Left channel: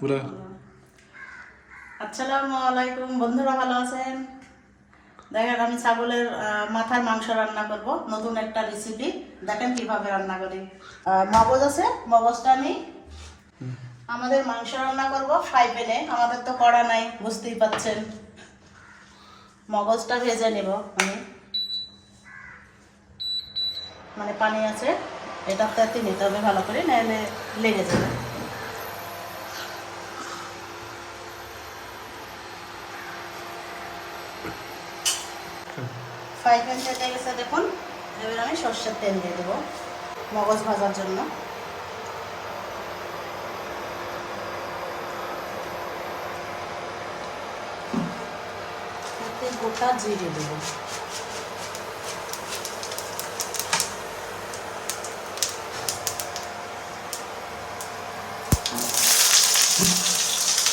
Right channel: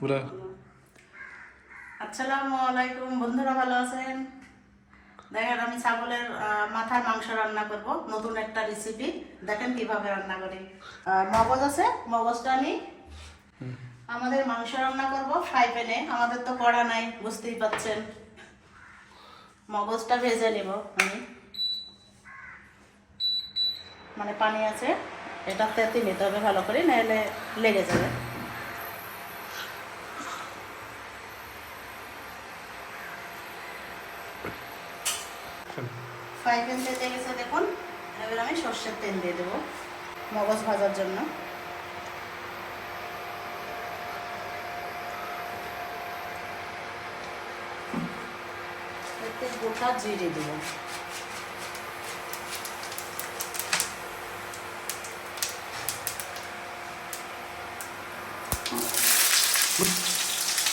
পুরো। আসসালামু আলাইকুম বন্ধুরা, ভালো আছেন? দেখেন আমি ছাগলের মাথার মাংস রান্না করব, নতুন একটা রেসিপি। দেখেন কিভাবে রান্না করি। মগজ আছে, মগজটা নিই। আমাদের মাংস রান্না করব ফ্রাই প্যানে, আমাদের তো কড়া নাই, বুঝতেই পাচ্ছেন। মগজটা ভেজে নিব আমি, মানে পানি আছে, এটা তেতে নিতে হবে ভালো করে, নাহলে লেগে যাবে। ফ্রাই প্যান তেলে গেছে দেখুন। এবার আমি সর্ষের তেল দিয়ে দেবো মগজ ভাজার জন্য। এতে গোটা জিরে দেবো,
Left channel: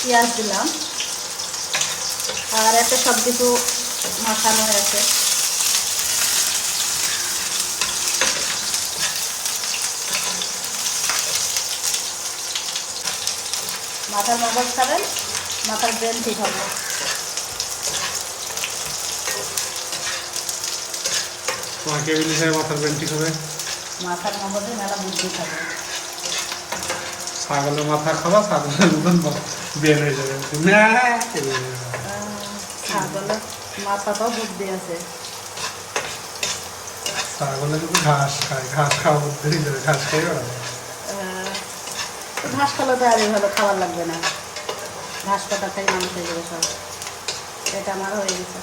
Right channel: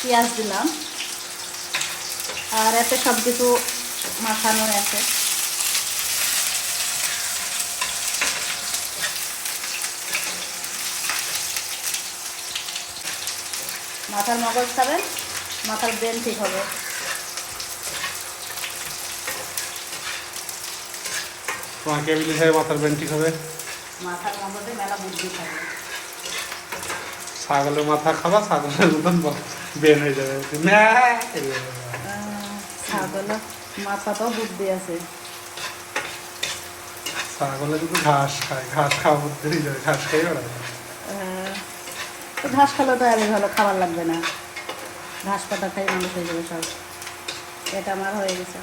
পেঁয়াজ দিলাম, আর এতে সব কিছু মাখানো আছে। মাথার মগজ খাবেন, মাথার ব্রেন ঠিক হবে। তোমাকে বলি স্যার মাথার ব্রেন ঠিক হবে। মাথার মগজে মেলা বুদ্ধি খাবে। ছাগলের মাথা খাবা, ছাগলের মতন ব্রেন হয়ে যাবে। ছাগলের মাথাটাও বুদ্ধি আছে। ছাগলের কিন্তু ঘাস খায়, ঘাস খাওয়া বুদ্ধি হয়ে যাবে, ঘাস খাই ওরা। ঘাস খালে তো আর এভাবে খাওয়া লাগবে না, ঘাস পাতা খাই মানুষ হয়ে যাবে সব। এটা আমার হয়ে গেছে।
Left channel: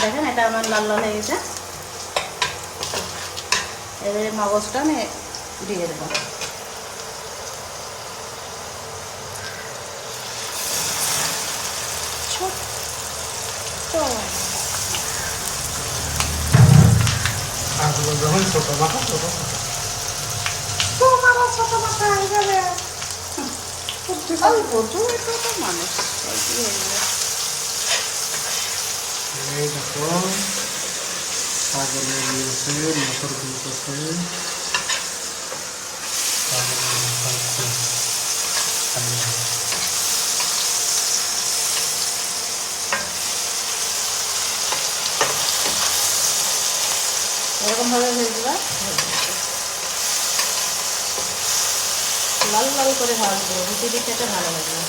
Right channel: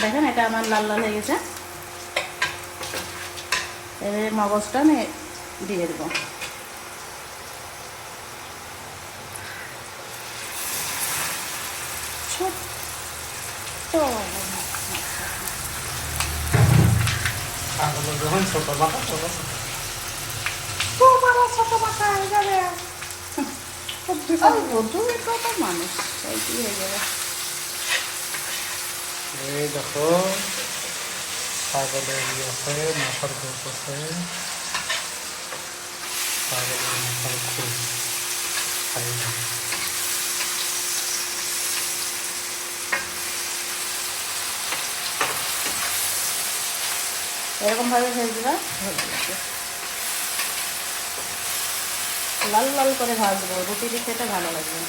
দেখেন এটা আমার লাল লাল হয়ে গেছে। এর মগজটা আমি দিয়ে দেবো। ছাগলের যখন ছোট মাথা, ছোট তোমারও ছোট মাথা হয়ে যাবে। মানুষ এই দেখো ছাগলের আছে মাথার খুব আছে, ছাগলের মাথার খুব এরকম ভাবে ভেজবে, লাল লাল করে ভাজবো, রুটি রুটিতে ভালো লাগবে।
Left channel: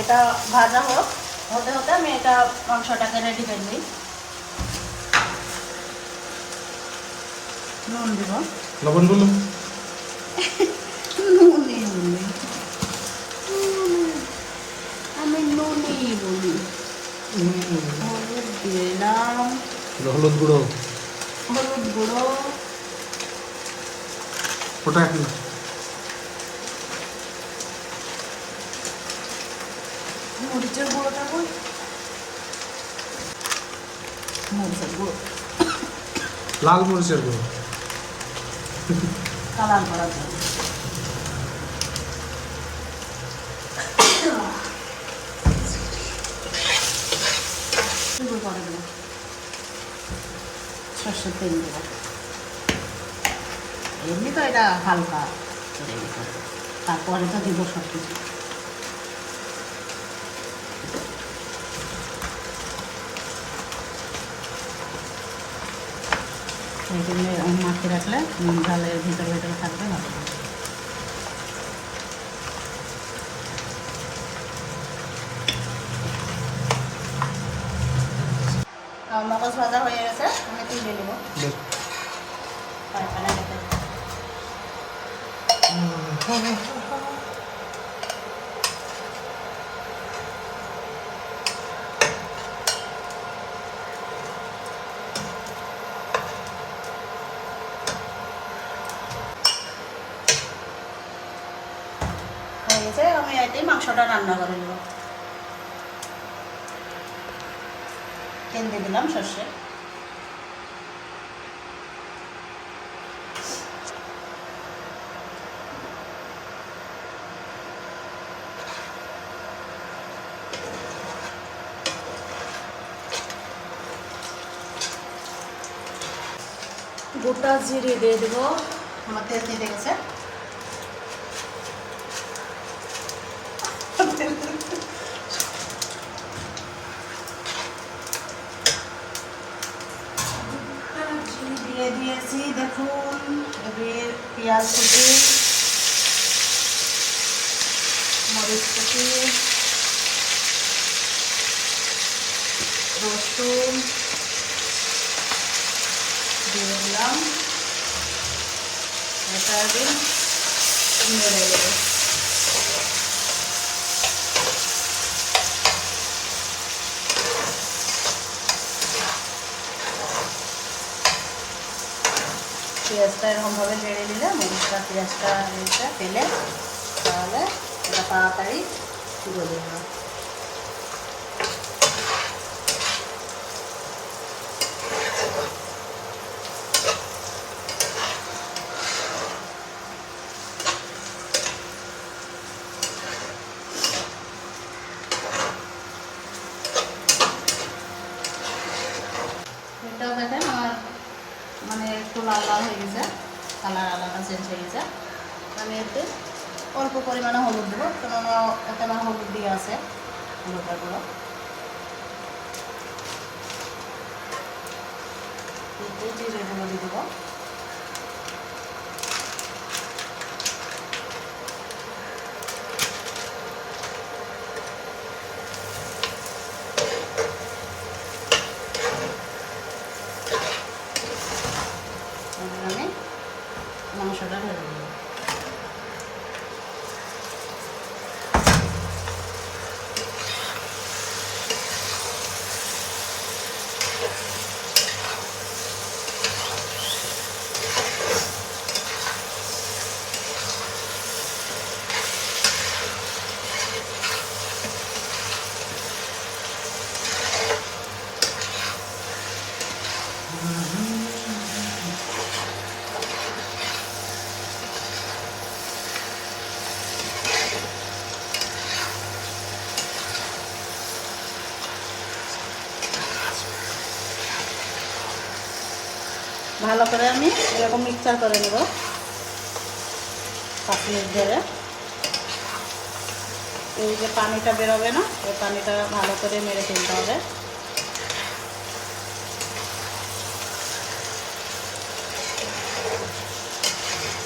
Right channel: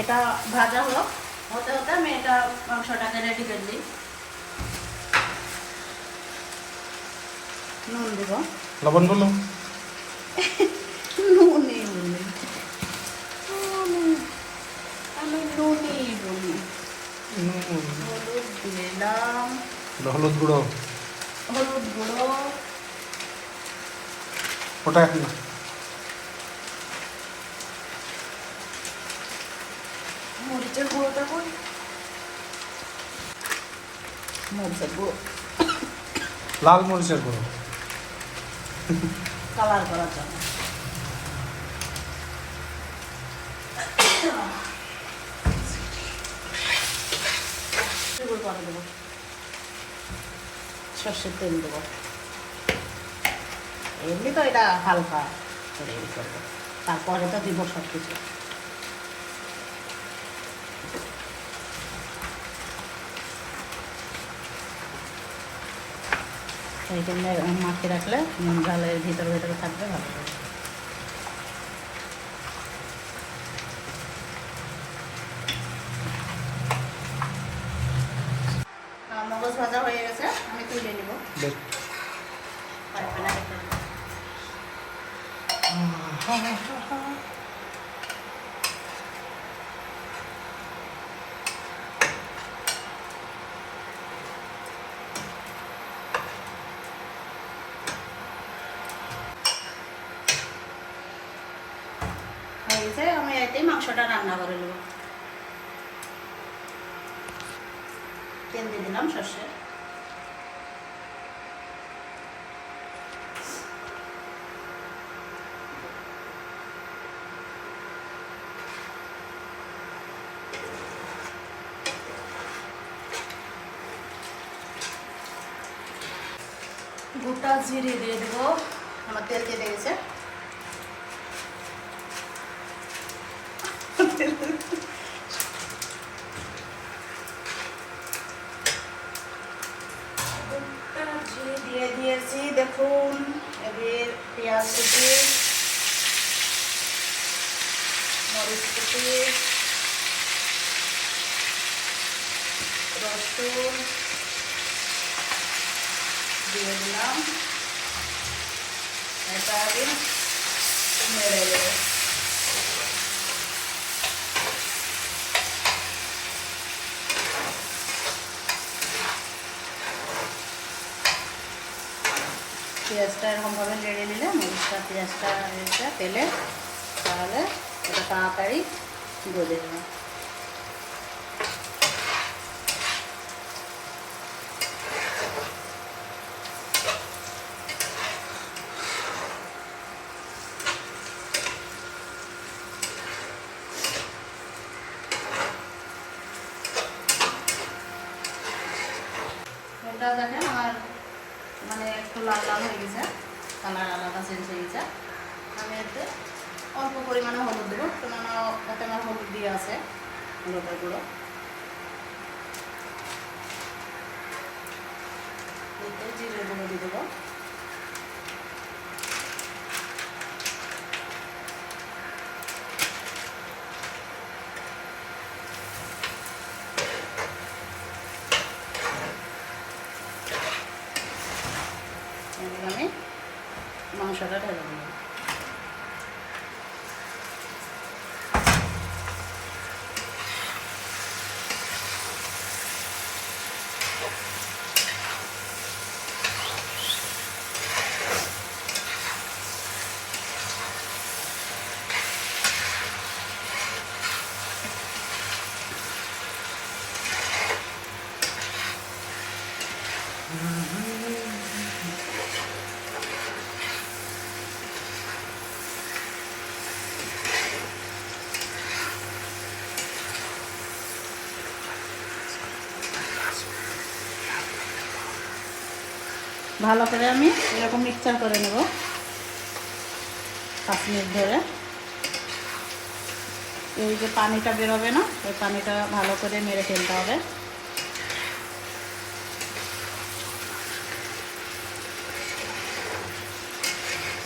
এটা ভাজা হোক, হতে হতে আমি এটা মাংসটাকে রেডি করে নিই। নুন দেব, লবণ বললো, নুনই বলি আমি, নুনই বলি। হলুদ দিলাম, হলুদ গুঁড়ো হলুদ গুঁড়ো, ওটা এখন না, মরিচের গুঁড়োটা তো, মরিচের গুঁড়ো, লাল মরিচের গুঁড়ো, কালার করার জন্য। করে দেবো, সর্ষের তেল দেবো। এমনি তো এটা হালকা, তারপরে তো দিব সব কিছু। এই জন্য মাখিয়ে রাখলে নুন ঝালের ভিতরে ভিতরে থাকবে ভালো। মগজ ভাজা হয়ে গেছে, আমি তুলে নেব। হয়ে গেছে, আমি এতেই মাংসটা রান্না করে নেব। তেল দিয়ে দিলাম সর্ষে, গোটা জিরে দিয়ে দেবো। আমার তেল কেটে গেছে। জিরে দিয়ে দিয়েছি, দেখুন। এবারে পেঁয়াজ কুচি, মরিচ কুচি, রসুন দিয়ে দিলাম। এটা আগে নেড়ে দেবো। পেঁয়াজটা এরকমভাবে নেড়ে নিলে মরিচটা পেঁয়াজটা এসে তেলে, তাহলে এটা তাড়াতাড়ি তুলে দেবো। এটা দেখেন আমার মানে একটু লাল লাল হয়ে গেছে, কালার আলাদা চেঞ্জ হয়ে গেছে। আমি এতে অল্প পরিমাণে হলুদ দেবো, কেননা এতে আমার হলুদ দিয়ে আছে, হলুদটা দেবো। এতে জিরে গুঁড়ো দিয়ে দেবো। আমি মাংসটা ঢেলে দেবো। ভালো করে আমি এরকম মিক্সচার করে নেব 5 মিনিট ধরে। এই যে পানিটা বেরোবে না, ওই পানিটা ভালো করে নেড়ে ফেলতে হবে।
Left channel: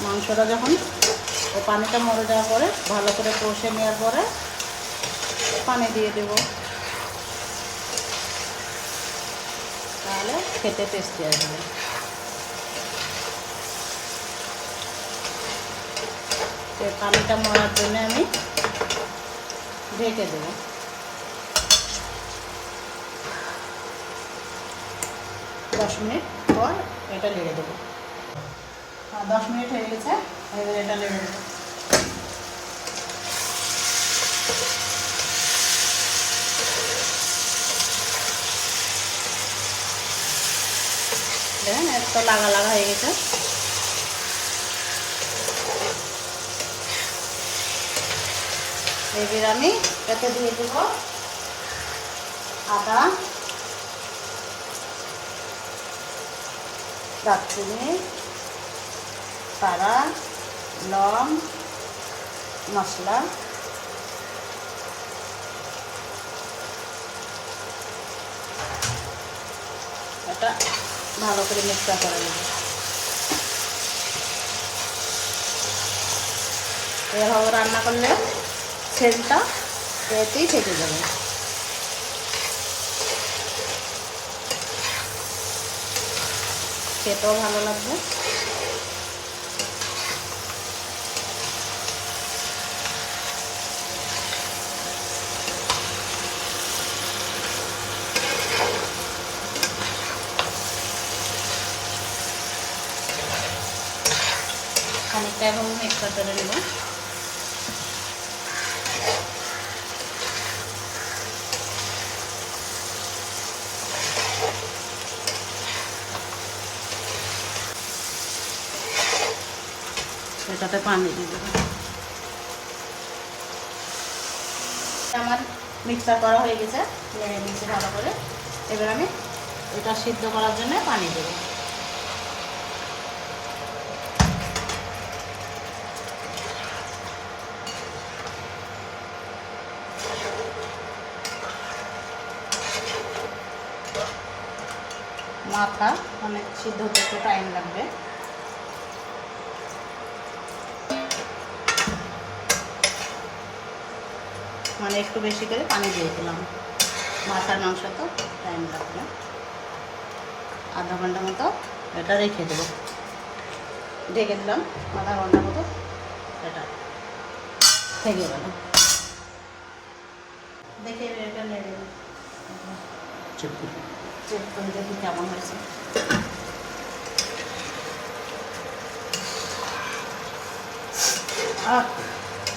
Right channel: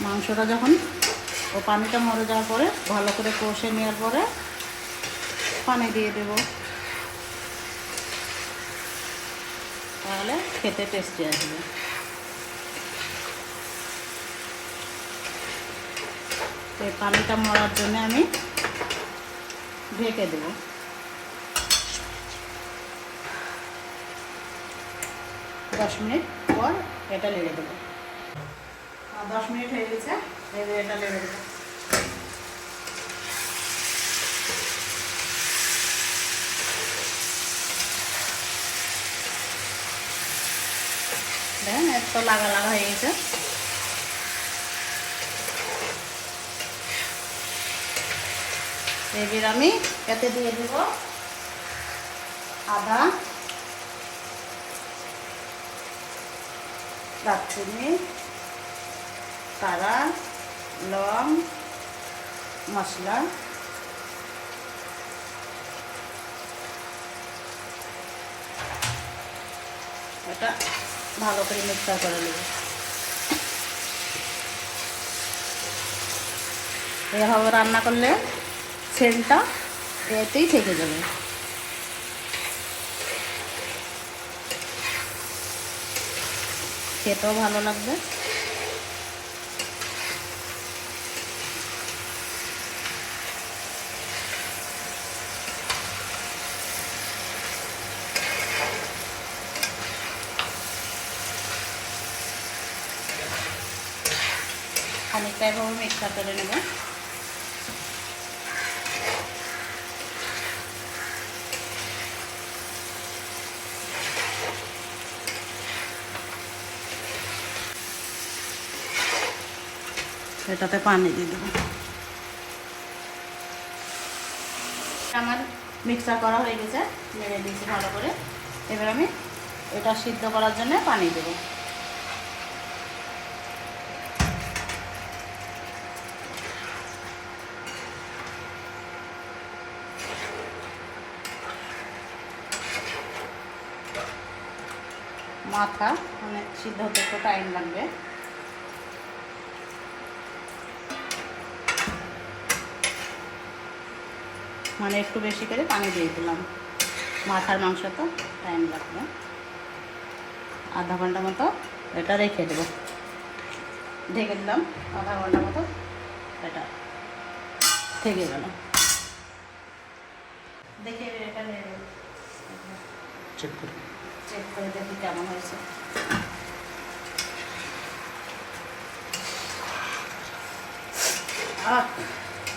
মাংসটা যখন ওই পানিটা মরে যাওয়ার পরে ভালো করে কষে নেওয়ার পরে পানি দিয়ে দেব, তাহলে খেতে টেস্টি আসবে। এই পানিটা মরার জন্য আমি ঢেকে দেব। 10 মিনিট পর এটা নেড়ে দেবো। 10 মিনিট হয়ে গেছে, এবার এটা নেড়ে দেবো। দেখেন একটু লাগা লাগা হয়ে গেছে। এবার আমি এতে দিয়ে দেব আদা, দারচিনি, পাড়া, লং, মশলা, এটা ভালো করে মিক্সচার করে নেব। এভাবে রান্না করলে সেন্টটা এতেই থেকে যাবে। খেতেও ভালো লাগবে। খানিকটা এভাবে মিক্সচার করে নেব। এটাতে পানি দিয়ে দেব। আমার মিক্সচার করা হয়ে গেছে, লেগে দিয়েছি ভালো করে। এবার আমি এটা সিদ্ধ করার জন্য পানি দেব। মাথা অনেক সিদ্ধ হতে একটু টাইম লাগবে। মানে একটু বেশি করে পানি দিয়ে দিলাম, মাথার মাংস তো টাইম লাগবে। আধা ঘন্টা মতো এটা রেখে দেবো, ঢেকে দিলাম আধা ঘন্টা মতো, এটা থেকে গেল। দেখে এটা নিয়ে দেবো, চেক করে দেখি কেমন হয়েছে।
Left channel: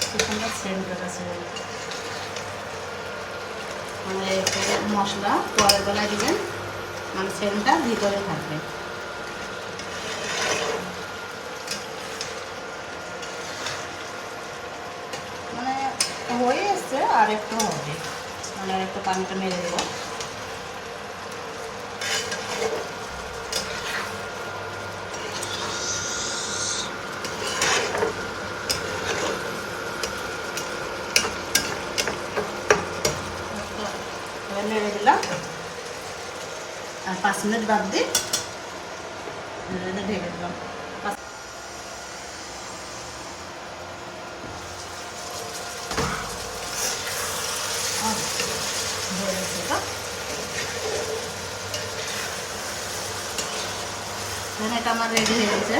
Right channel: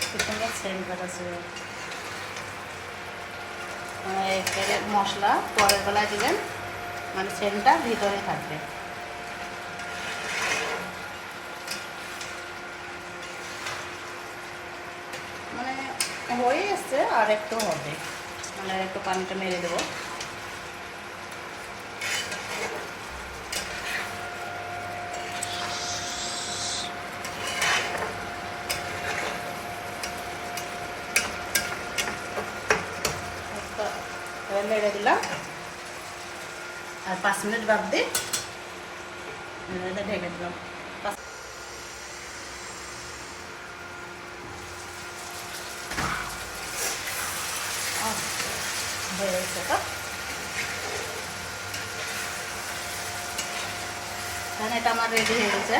কি সুন্দর সেন্ট আছে, মানে মশলা পরের বেলায় দিলেন মানে সেন্টটা ভিতরে থাকবে। মানে হয়ে এসছে, আর একটু হবে, মানে একটু পানিটা মেরে দেবো। নেড়ে দিলাম আর 5 মিনিট বাদ দিয়ে ঢেকে দিলাম। এটা আমার রেডি হয়ে গেছে।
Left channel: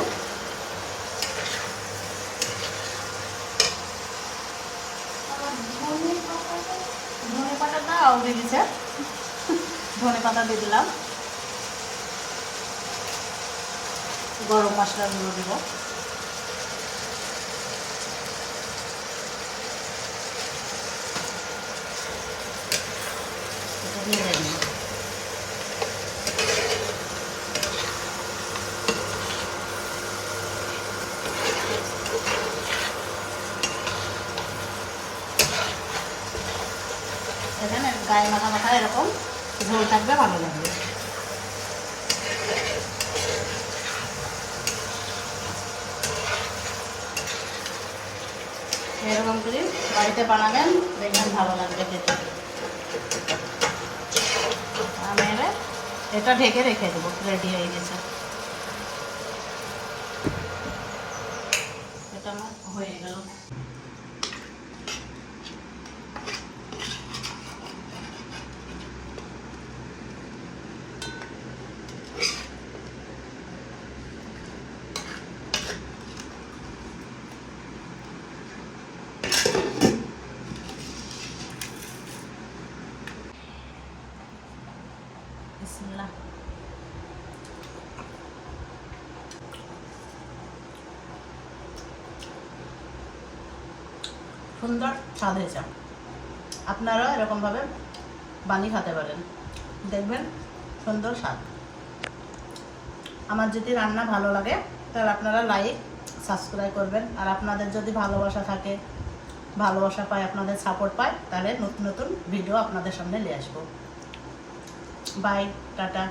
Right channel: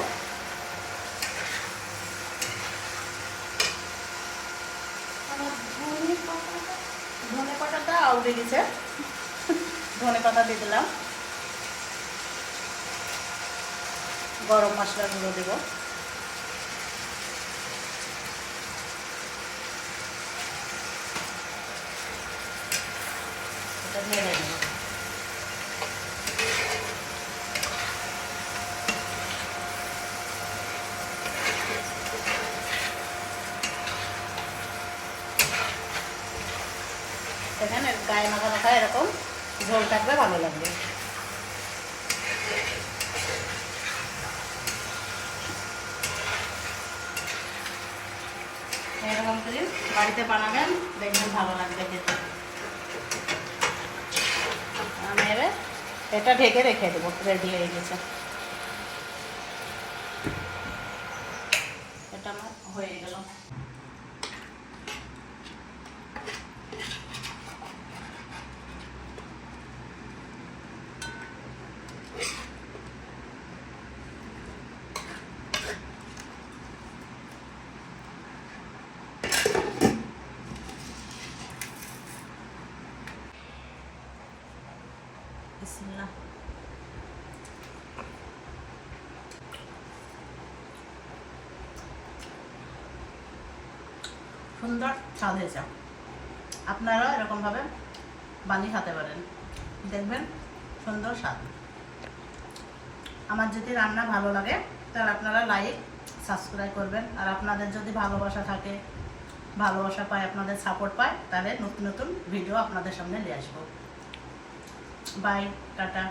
ধনে পাতাটা আউড়ে দিছে, ধনে পাতা দিয়ে দিলাম, গরম মশলা গুঁড়ো দেব, গায়ে মাথা মাথা এরকম ঝোল থাকলে ভালো লাগবে। এরকম করে বাড়িতে বানাবেন, দেখবেন ভালো লাগবে খেতে। আমি এটা ঢেকে রেখে দেবো, রেডি হয়ে গেছে। এটা আমার হয়ে গেল। বিসমিল্লাহ। সুন্দর স্বাদ হয়েছে, আপনারাও এরকমভাবে বানিয়ে খেতে পারেন, দেখবেন সুন্দর স্বাদ। আমার যদি রান্না ভালো লাগে তাহলে আপনারা লাইক সাবস্ক্রাইব করবেন, আর আপনাদের যদি ভালোবাসা থাকে, ভালোবাসা পায়, আপনাদের সাপোর্ট পায়, তাহলে নতুন নতুন ভিডিও আপনাদের সামনে নিয়ে আসবো। Bye, tata.